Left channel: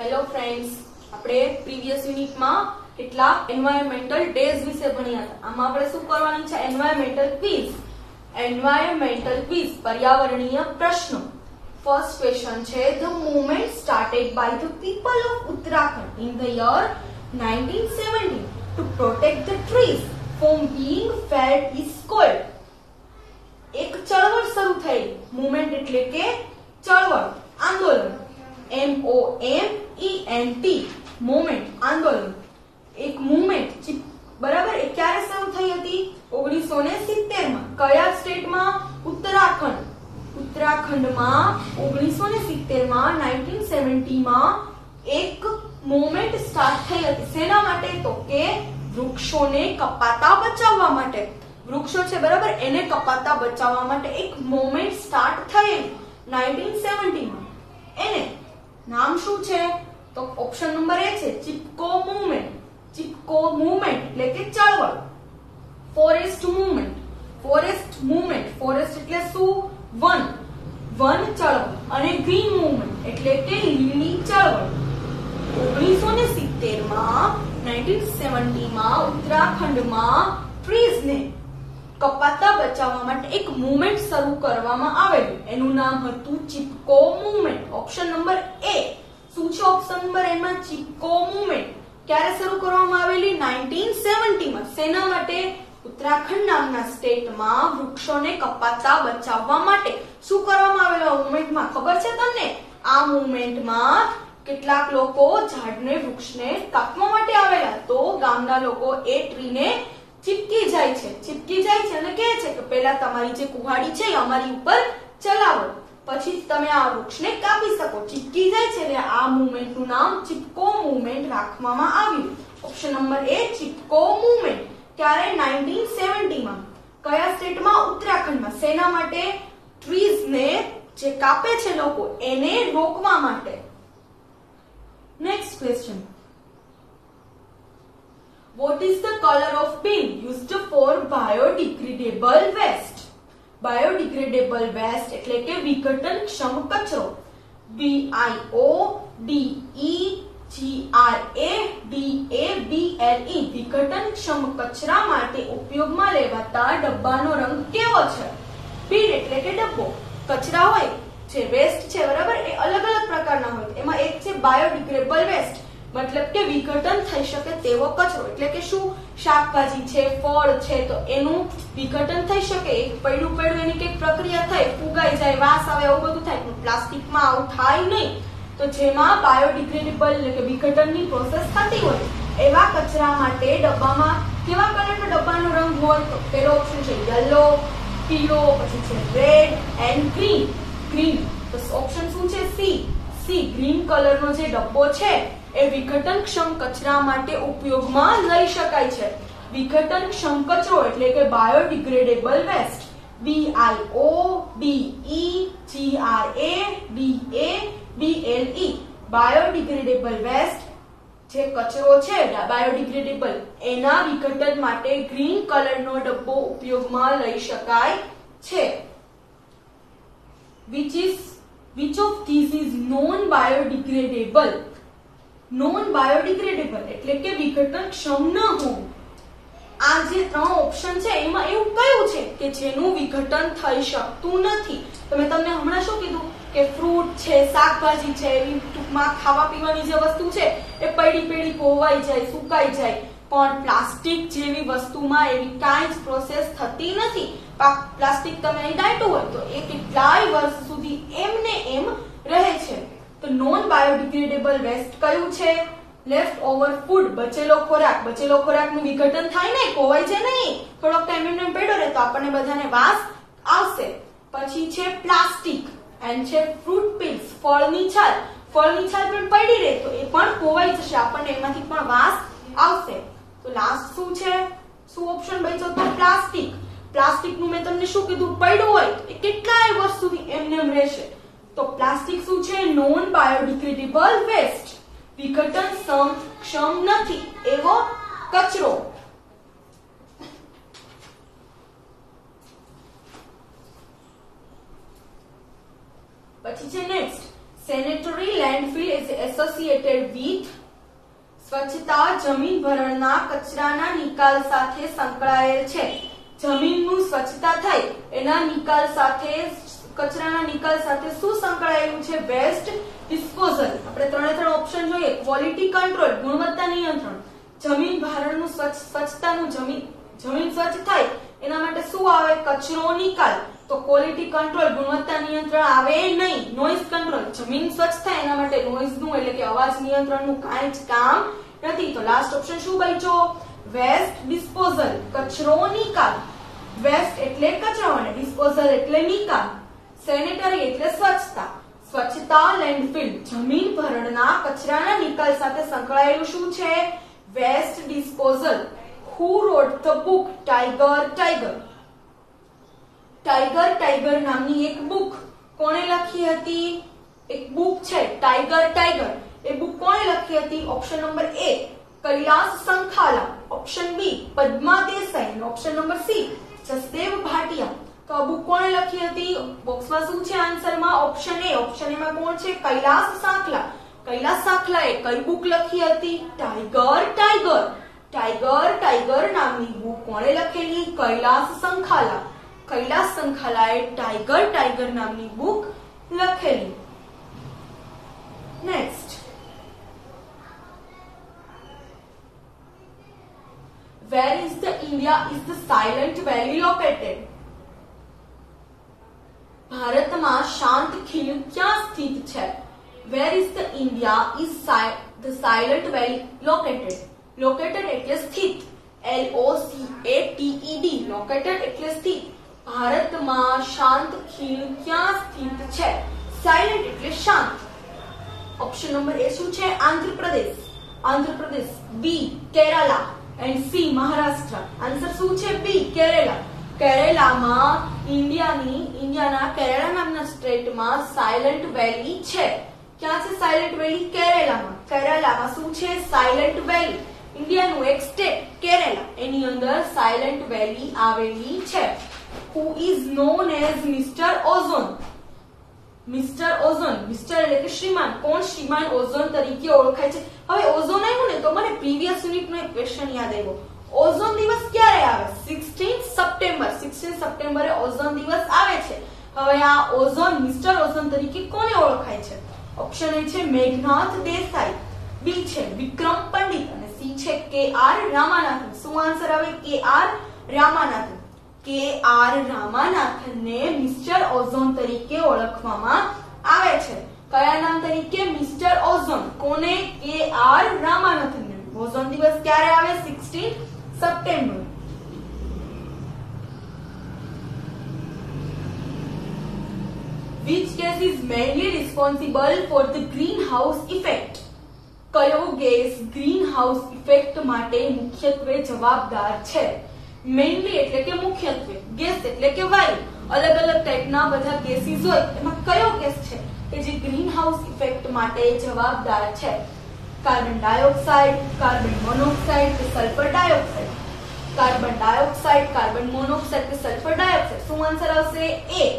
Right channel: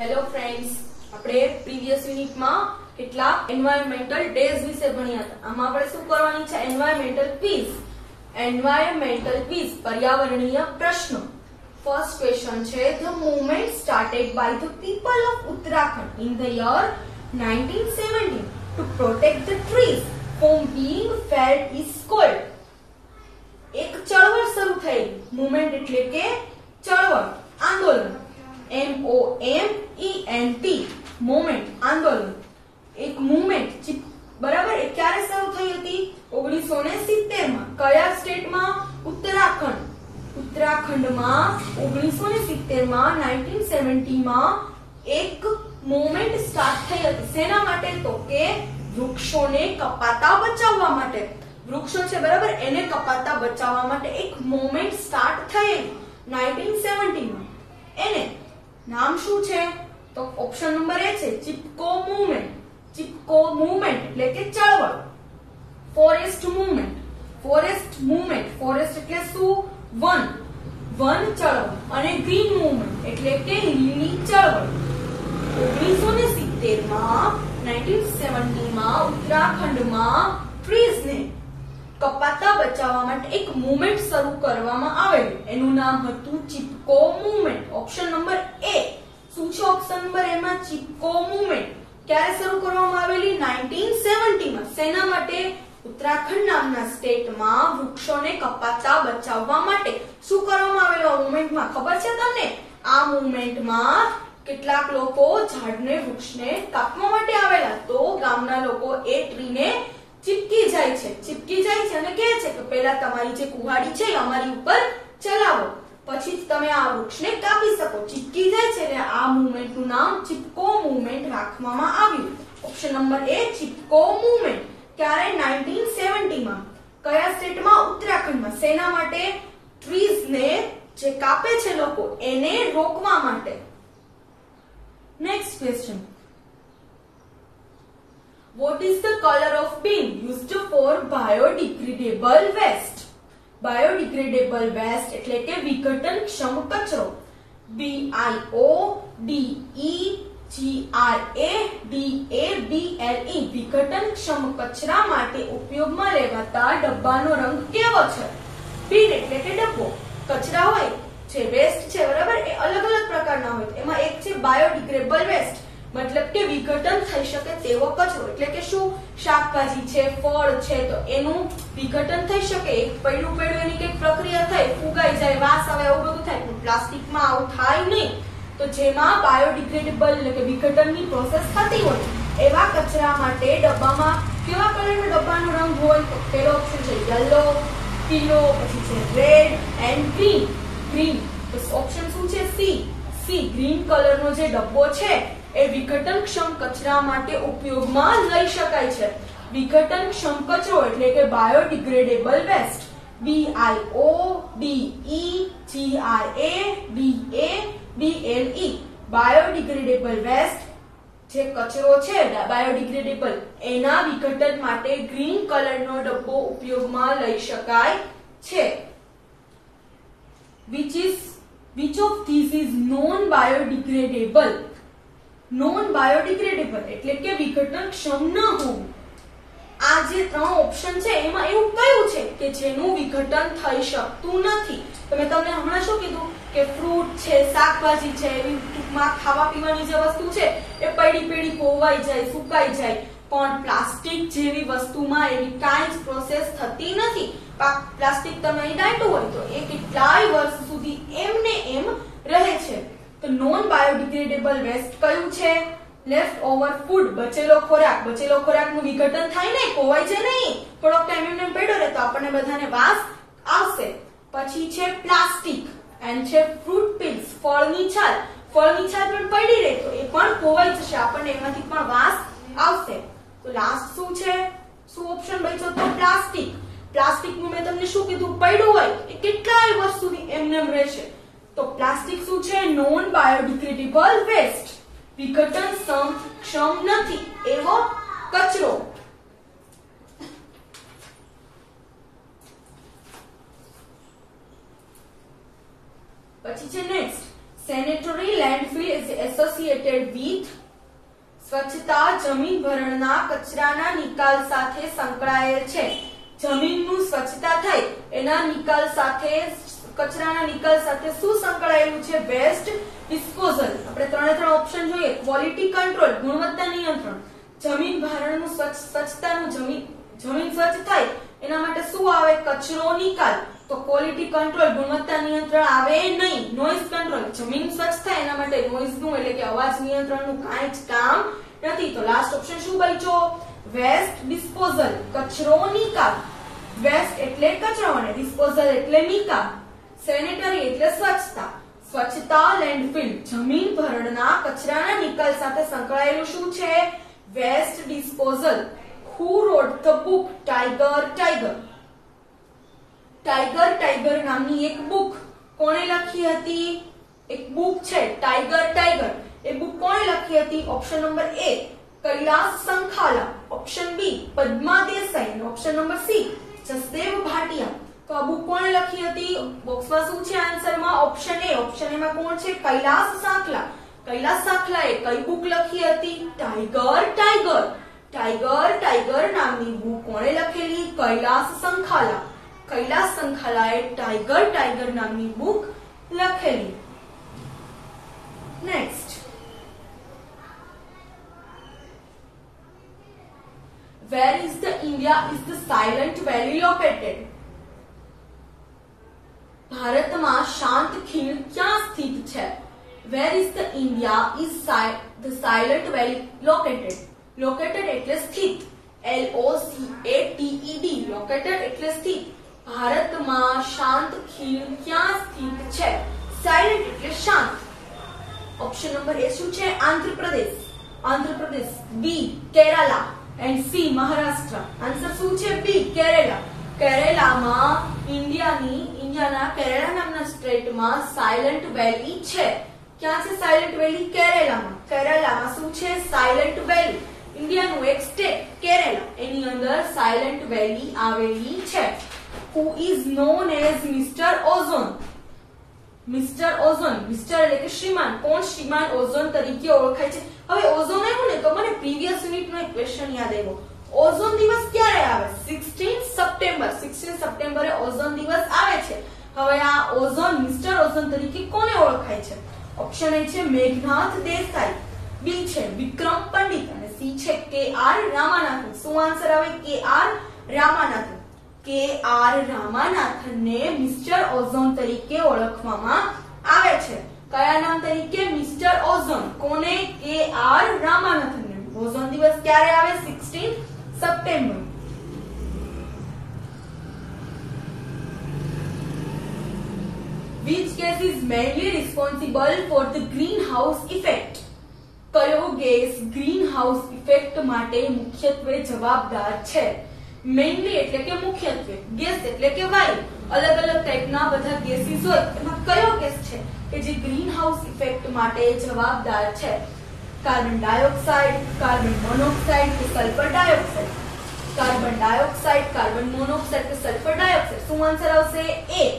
Hello friends, આપણે previous યુનિટમાં કેટલાક એન્વાયરમેન્ટલ ડેઝ વિશે ભણ્યા હતા. આમાં આપણે શું કરવાની છે? Environmental quiz. પર્યાવરણીય પ્રશ્નો. ફર્સ્ટ ક્વેશ્ચન છે, the movement started by the people of Uttarakhand in the year 1917 to protect the trees from being felled is called. એક ચળવળ શરૂ થઈ. મૂવમેન્ટ એટલે કે ચળવળ, આંદોલન. MOMENT મોમેન્ટ, આંદોલન. એક મૂવમેન્ટ બરાબર એ ક્યારે શરૂ થઈ હતી? 1970 માં. કયા સ્ટેટમાં? ઉત્તરાખંડ. ઉત્તરાખંડમાં 1970 માં 1970 માં એક મૂવમેન્ટ સ્ટાર્ટ થઈ હતી. શેના માટે? તો કે વૃક્ષોને કપાતા બચાવવા માટે. વૃક્ષો છે બરાબર, એને કપાતા બચાવવા માટે એક મૂવમેન્ટ સ્ટાર્ટ થઈ 1970 માં. એને નામ શું છે? તો ઓપ્શન નંબર એ છે ચિપકો મૂવમેન્ટ. ચિપકો મૂવમેન્ટ એટલે કે ચળવળ. Forest movement. Forest movement, forest એટલે શું? વન. વન ચળવળ. અને ગ્રીન મૂવમેન્ટ એટલે કે લીલી ચળવળ. 1970 માં 1970 માં ઉત્તરાખંડમાં ટ્રીઝને કપાતા બચાવવા માટે એક મૂવમેન્ટ શરૂ કરવામાં આવેલું. એનું નામ હતું Chipko movement. Option number A. શું છે ઓપ્શન નંબર એમાં? ચિપકો મૂવમેન્ટ. ક્યારે શરૂ કરવામાં આવેલી? 1970 માં. શેના માટે? ઉત્તરાખંડ નામના સ્ટેટમાં વૃક્ષોને કપાતા બચાવવા માટે. શું કરવામાં આવેલું મૂવમેન્ટમાં ખબર છે તમને? આ મૂવમેન્ટમાં કેટલાક લોકો ઝાડને, વૃક્ષને કાપવા માટે આવેલા. તો ગામના લોકો એ ટ્રીને ચીપકી જાય છે. ચીપકી જાય છે અને કહે છે કે પહેલા તમારી જે કુહાડી છે અમારી ઉપર ચલાવો, પછી તમે આ વૃક્ષને કાપી શકો. ચીપકી જાય છે એટલે આ મૂવમેન્ટનું નામ ચિપકો મૂવમેન્ટ રાખવામાં આવ્યું. ઓપ્શન નંબર એ ચિપકો મૂવમેન્ટ. ક્યારે? 1970 માં. કયા સ્ટેટમાં? ઉત્તરાખંડમાં. શેના માટે? ટ્રીઝને જે કાપે છે લોકો એને રોકવા માટે. Next question. What is the color of bin used for biodegradable waste? Biodegradable waste એટલે કે વિઘટનક્ષમ કચરો. BIODEGRADABLE વિઘટનક્ષમ કચરા માટે ઉપયોગમાં લેવાતા ડબ્બાનો રંગ કેવો છે? બિન એટલે કે ડબ્બો. કચરા હોય છે, વેસ્ટ છે બરાબર, એ અલગ અલગ પ્રકારના હોય. એમાં એક છે બાયોડિગ્રેડેબલ વેસ્ટ, મતલબ કે વિઘટન થઈ શકે તેવો કચરો. એટલે કે શું? શાકભાજી છે, ફળ છે, તો એનું વિઘટન થઈ શકે. એક પૈડું એની કઈક પ્રક્રિયા થાય, ફુગાઈ જાય, વાસ આવે, એવું બધું થાય. પણ પ્લાસ્ટિકમાં આવું થાય નહીં. તો જેમાં બાયોડિગ્રેડેબલ એટલે કે વિઘટનની પ્રોસેસ થતી હોય એવા કચરા માટે ડબ્બામાં કેવા કલરનો ડબ્બાનો રંગ હોય? તો પહેલો ઓપ્શન છે યલો, પીળો, પછી છે રેડ એન્ડ ગ્રીન. ગ્રીન. તો ઓપ્શન શું છે? સી. ગ્રીન કલરનો જે ડબ્બો છે એ વિઘટનક્ષમ કચરા માટે ઉપયોગમાં લઈ શકાય છે. વિઘટનક્ષમ કચરો એટલે કે biodegradable waste. BIODEGRADABLE biodegradable waste જે કચરો છે બાયોડિગ્રેડેબલ, એના વિઘટન માટે ગ્રીન કલરનો ડબ્બો ઉપયોગમાં લઈ શકાય છે. Which of these is non-biodegradable? Non-biodegradable એટલે કે વિઘટનક્ષમ ન હોવું. આ જે ત્રણ ઓપ્શન છે એમાં એવું કયું છે કે જેનું વિઘટન થઈ શકતું નથી? તમને હમણાં શું કીધું કે ફ્રૂટ છે, શાકભાજી છે, એવી ટૂંકમાં ખાવા પીવાની જે વસ્તુ છે એ પડી કોવાઈ જાય, સુકાઈ જાય. પણ પ્લાસ્ટિક જેવી વસ્તુમાં એવી કાંઈ જ પ્રોસેસ થતી નથી. પ્લાસ્ટિક તમે અહીં દાટ્યું હોય તો એ કેટલાય વર્ષ સુધી એમને એમ રહે છે. તો નોન બાયોડિગ્રેડેબલ વેસ્ટ કયું છે? લેફ્ટ ઓવર ફૂડ, બચેલો ખોરાક. બચેલો ખોરાકનું વિઘટન થાય નહીં, કોવાય છે નહીં, થોડોક ટાઈમ એમને પડ્યો રહે તો આપણને બધાને વાસ આવશે. પછી છે પ્લાસ્ટિક એન્ડ છે ફ્રૂટ પીલ્સ, ફળની છાલ. ફળની છાલ પણ પડી રહે તો એ પણ કોવાઈ જશે, આપણને એમાંથી પણ વાસ આવશે. તો લાસ્ટ શું છે? શું ઓપ્શન બચ્યો? તો પ્લાસ્ટિક. પ્લાસ્ટિકનું મેં તમને શું કીધું? પડ્યું હોય એ કેટલાય વર્ષ સુધી એમને એમ રહેશે. તો પ્લાસ્ટિક શું છે? નોન બાયોડિગ્રેડેબલ વેસ્ટ, વિઘટનક્ષમ નથી એવો કચરો. પછી છે next sanitary landfill is associated with સ્વચ્છતા જમીન ભરણના કચરાના નિકાલ સાથે સંકળાયેલ છે. જમીનનું સ્વચ્છતા થાય એના નિકાલ સાથે કચરાના નિકાલ સાથે શું સંકળાયેલું છે? Waste disposal. આપણે ત્રણે ત્રણ ઓપ્શન જોઈએ. ક્વોલિટી કંટ્રોલ, ગુણવત્તા નિયંત્રણ, જમીન ભારણનું સ્વચ્છતાનું જમીન સ્વચ્છ થાય એના માટે શું આવે? કચરો નિકાલ. તો ક્વોલિટી કંટ્રોલ, ગુણવત્તા નિયંત્રણ આવે નહીં. નોઇઝ કંટ્રોલ, જમીન સ્વચ્છ થાય એના માટે નોઇઝનું એટલે કે અવાજ નિયંત્રણનું કાંઈ જ કામ નથી. તો લાસ્ટ ઓપ્શન શું બચ્યો? વેસ્ટ ડિસ્પોઝલ, કચરો નિકાલ. વેસ્ટ એટલે કચરો અને ડિસ્પોઝલ એટલે નિકાલ. સેનેટરી એટલે સ્વચ્છતા. સ્વચ્છતા લેન્ડફિલ, જમીન ભરણના કચરાના નિકાલ સાથે સંકળાયેલું શું છે? Waste disposal. Who wrote the book Tiger Tiger? Tiger Tiger નામની એક બુક કોણે લખી હતી? એક બુક છે ટાઈગર ટાઈગર. એ બુક કોણે લખી હતી? Option number A Kailash Sankhala, option B Padma Desai, option number C Jasdev Bhatia. તો આ બુક કોણે લખી હતી? બોક્સમાં શું છે આન્સરમાં? Option A. ઓપ્શન એ માં કોણ છે? કૈલાસ સાંખલા. કૈલાસ સાંખલાએ કઈ બુક લખી હતી? Tiger tiger. ટાઈગર ટાઈગર નામની બુક કોણે લખેલી? કૈલાસ સંખાલા. કૈલાસ સંખાલાએ ટાઈગર ટાઈગર નામની બુક લખેલી. Next, where is the India is the Silent Valley located? ભારતમાં શાંત ખીણ ક્યાં સ્થિત છે? Where is the India is the Silent Valley located? Located એટલે સ્થિત. LOCATED. Located એટલે સ્થિત. ભારતમાં શાંત ખીણ ક્યાં સ્થિત છે? સાયલેન્ટ એટલે શાંત. ઓપ્શન નંબર એ શું છે? Andhra Pradesh. Andhra Pradesh. B Kerala and C Maharashtra. Answer શું છે? બી કેરેલા. કેરેલામાં ઇન્ડિયાના કેરેલા નામના સ્ટેટમાં સાયલેન્ટ વેલી છે. ક્યાં છે સાયલેન્ટ વેલી? કેરેલામાં. કેરેલામાં શું છે? સાયલેન્ટ વેલી. ઇન્ડિયાનું એક સ્ટેટ કેરેલા, એની અંદર સાયલેન્ટ વેલી આવેલી છે. Who is known as Mr. Ozone? Mister ozone. Mister એટલે કે શ્રીમાન. કોણ શ્રીમાન ઓઝોન તરીકે ઓળખાય છે? હવે ઓઝોન આવ્યું ને તો મને પ્રીવિયસ યુનિટનો એક ક્વેશ્ચન યાદ આવ્યો. ઓઝોન દિવસ ક્યારે આવે? 16 સપ્ટેમ્બર. 16 સપ્ટેમ્બરે ઓઝોન દિવસ આવે છે. હવે આ ઓઝોન મિસ્ટર ઓઝોન તરીકે કોને ઓળખાય છે? ઓપ્શન એ છે મેઘનાથ દેસાઈ, બી છે વિક્રમ પંડિત અને સી છે KR રામાનાથન. શું આન્સર આવે? KR રામાનાથન. KR રામાનાથનને મિસ્ટર ઓઝોન તરીકે ઓળખવામાં આવે છે. કયા નામ તરીકે? Mister ozone. કોને? KR રામાનાથનને. ઓઝોન દિવસ ક્યારે આવે? 16 September. Which gas is mainly responsible for the greenhouse effect? કયો ગેસ ગ્રીનહાઉસ ઇફેક્ટ માટે મુખ્યત્વે જવાબદાર છે? મેઇનલી એટલે કે મુખ્યત્વે, ગેસ એટલે કે વાયુ. અલગ અલગ ટાઈપના બધા ગેસીસ હોય, એમાં કયો ગેસ છે કે જે ગ્રીનહાઉસ ઇફેક્ટ માટે જવાબદાર છે? કાર્બન ડાયોક્સાઇડ, કાર્બન મોનોક્સાઇડ કે sulphur dioxide? Carbon dioxide, carbon monoxide કે સલ્ફર ડાયોક્સાઇડ? શું આન્સર આવશે? એ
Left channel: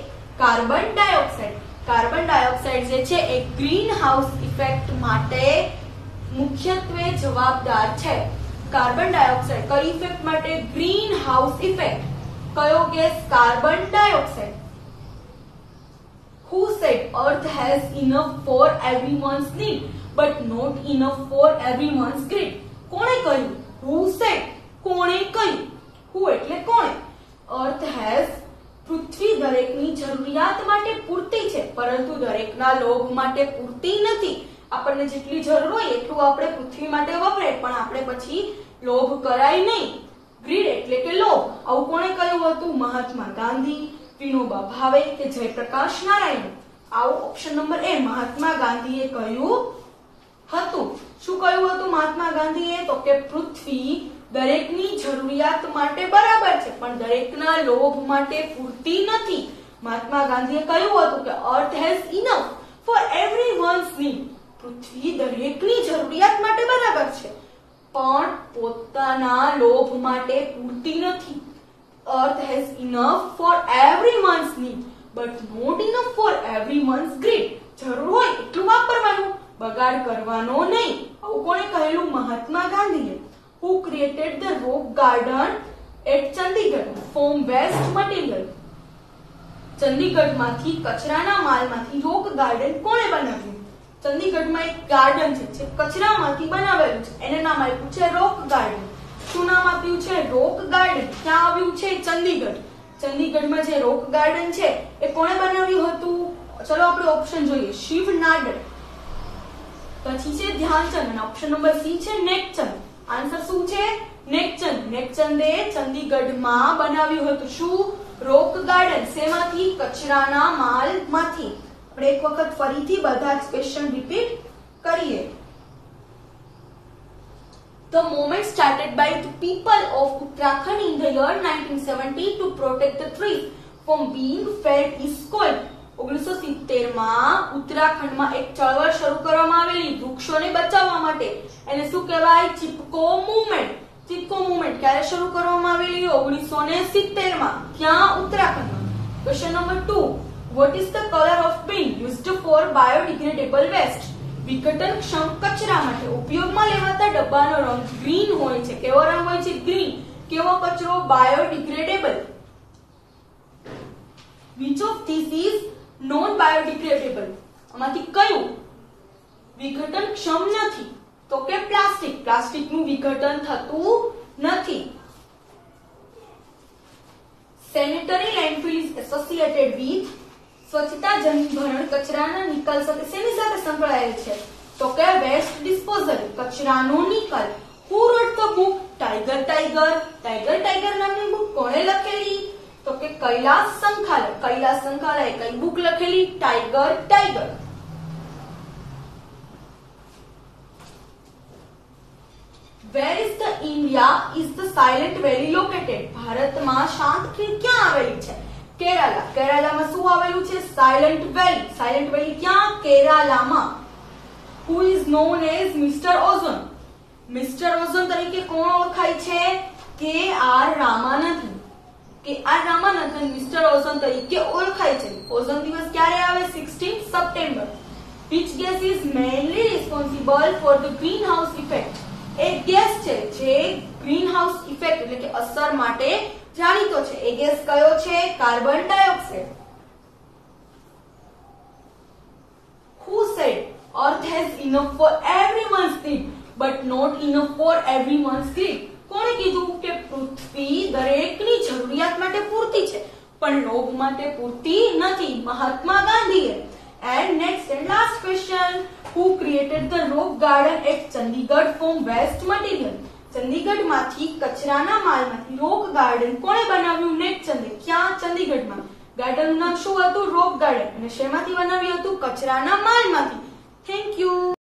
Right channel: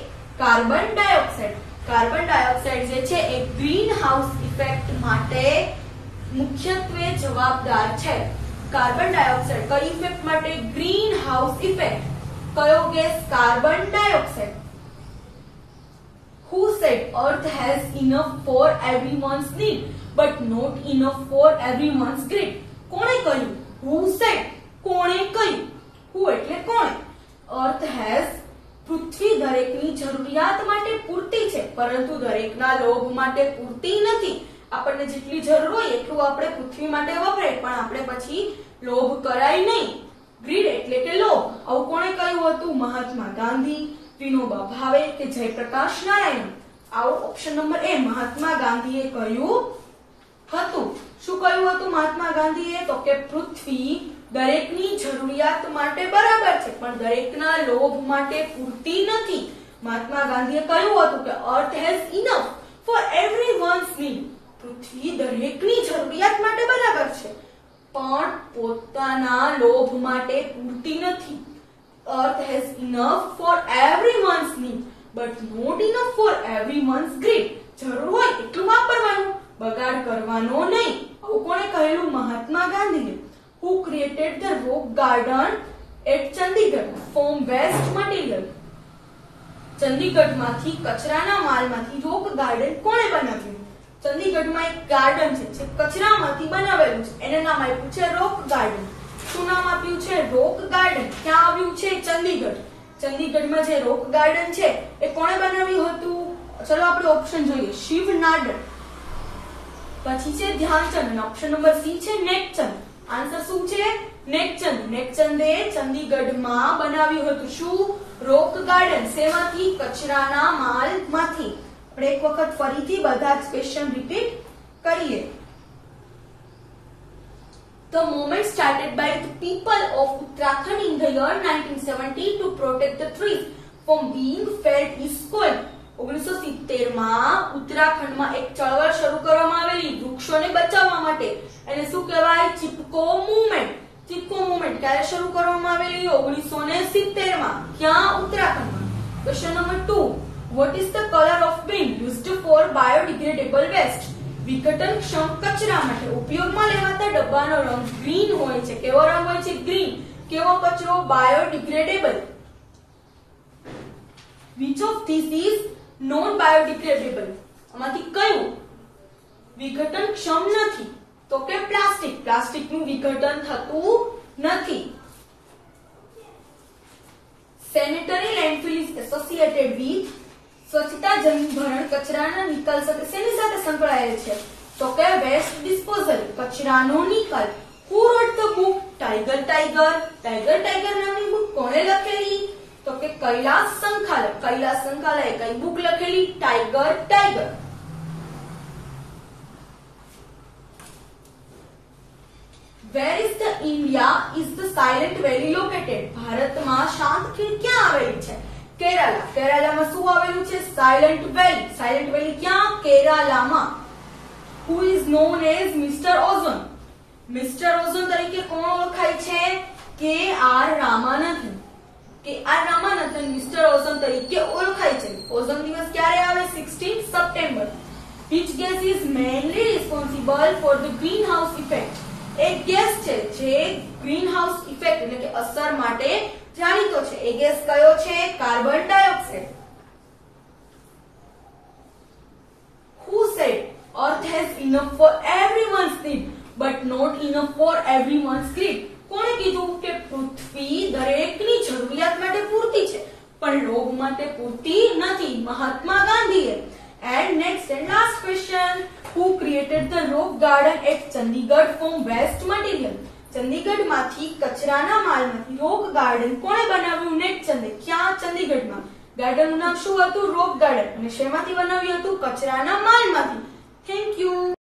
કાર્બન ડાયોક્સાઇડ. કાર્બન ડાયોક્સાઇડ જે છે એ ગ્રીનહાઉસ ઇફેક્ટ માટે મુખ્યત્વે જવાબદાર છે. કાર્બન ડાયોક્સાઇડ કઈ ઇફેક્ટ માટે? Green house effect. કયો gas? Carbon dioxide. Who said Earth has enough for everyone's need but not enough for everyone's greed? કોણે કહ્યું? Who said? કોણે કહ્યું? Who એટલે કોણે? Earth has, પૃથ્વી દરેકની જરૂરિયાત માટે પૂરતી છે પરંતુ દરેકના લોભ માટે પૂરતી નથી. આપણને જેટલી જરૂર હોય એટલું આપણે પૃથ્વી માટે વપરાય, પણ આપણે પછી લોભ કરાય નહીં. ગ્રીડ એટલે કે લોભ. આવું કોણે કહ્યું હતું? મહાત્મા ગાંધી, વિનોબા ભાવે કે જયપ્રકાશ નારાયણ? આવું ઓપ્શન નંબર એ મહાત્મા ગાંધીએ કહ્યું હતું. શું કહ્યું હતું મહાત્મા ગાંધીએ? તો કે પૃથ્વી દરેકની જરૂરિયાત માટે બરાબર છે પણ દરેકના લોભ માટે પૂરતી નથી. મહાત્મા ગાંધીએ કહ્યું હતું કે અર્થ has enough for everyone's need. પૃથ્વી દરેકની જરૂરિયાત માટે બરાબર છે પણ પોતાના લોભ માટે પૂરતી નથી. Earth has enough for everyone's need but not enough for everyone's greed. જરૂર હોય એટલું વાપરવાનું, બગાડ કરવાનો નહીં. આવું કોણે કહેલું? મહાત્મા ગાંધીએ. Who created the rock garden at Chandigarh from waste material? ચંદીગઢમાંથી કચરાના માલમાંથી રોક ગાર્ડન કોણે બનાવ્યું? ચંદીગઢમાં એક ગાર્ડન છે જે કચરામાંથી બનાવેલું છે, એને નામ આપ્યું છે રોક ગાર્ડન. શું નામ આપ્યું છે? રોક ગાર્ડન. ક્યાં આવ્યું છે? ચંદીગઢ. ચંદીગઢમાં જે રોક ગાર્ડન છે એ કોણે બનાવ્યું હતું? ચલો આપણે ઓપ્શન જોઈએ. શિવ નાડર, પછી છે ધ્યાનચંદ અને ઓપ્શન નંબર સી છે નેકચંદ. આન્સર શું છે? નેકચંદ. નેકચંદે ચંદીગઢમાં બનાવ્યું હતું શું? રોક ગાર્ડન. શેમાંથી? કચરાના માલમાંથી. આપણે એક વખત ફરીથી બધા જ ક્વેશ્ચન રિપીટ કરીએ. The movement started by the people of Uttarakhand in the year 1970 to protect the trees from being felled is called. 1970 માં ઉત્તરાખંડમાં એક ચળવળ શરૂ કરવામાં આવેલી વૃક્ષોને બચાવવા માટે. એને શું કહેવાય? ચિપકો મૂવમેન્ટ. ચિપકો મૂવમેન્ટ ક્યારે શરૂ કરવામાં આવેલી? 1970 માં. ક્યાં? ઉત્તરાખંડમાં. Question number 2. What is the color of bin used for biodegradable waste? વિઘટનક્ષમ કચરા માટે ઉપયોગમાં લેવાતા ડબ્બાનો રંગ ગ્રીન હોય છે. કેવો રંગ હોય છે? ગ્રીન. કેવો કચરો? Biodegradable. Which of these is non biodegradable? આમાંથી કયું વિઘટનક્ષમ નથી? તો કે પ્લાસ્ટિક. પ્લાસ્ટિકનું વિઘટન થતું નથી. Sanitary landfill is associated with સ્વચ્છતા જનિત ભરણ કચરાના નિકાલ સાથે શેની સાથે સંકળાયેલ છે? તો કે વેસ્ટ ડિસ્પોઝલ, કચરાનો નિકાલ. Who wrote the book Tiger Tiger? Tiger Tiger નામની બુક કોણે લખેલી? તો કે કૈલાસ સંખાલા. કૈલાસ સંખાલાએ કઈ બુક લખેલી? Tiger tiger. Where is the India is the Silent Valley located? ભારતમાં શાંત ખીણ ક્યાં આવેલી છે? કેરાલા. કેરાલામાં શું આવેલું છે? સાયલન્ટ વેલી. સાયલન્ટ વેલી ક્યાં? કેરાલામાં. Who is known as Mr. Ozone? Mister ozone તરીકે કોણ ઓળખાય છે? કે આર રામાનંદન. કે આર રામાનંદન મિસ્ટર ઓઝોન તરીકે ઓળખાય છે. ઓઝોન દિવસ ક્યારે આવે? 16 September. Which gas is mainly responsible for the greenhouse effect? એક ગેસ છે જે ગ્રીનહાઉસ ઇફેક્ટ એટલે કે અસર માટે જાણીતો છે. એ ગેસ કયો છે? Carbon dioxide. Who said Earth has enough for everyone's need but not enough for everyone's greed? કોણે કીધું કે પૃથ્વી દરેકની જરૂરિયાત માટે પૂરતી છે પણ લોભ માટે પૂરતી નથી? મહાત્મા ગાંધીએ. And next and last question. Who created the rock garden at Chandigarh from waste material? ચંદીગઢમાંથી કચરાના માલમાંથી રોક ગાર્ડન કોણે બનાવ્યું? નેકચંદે. ક્યાં? ચંદીગઢમાં. ગાર્ડનનું નામ શું હતું? રોક ગાર્ડન. અને શેમાંથી બનાવ્યું હતું? કચરાના માલમાંથી. Thank you.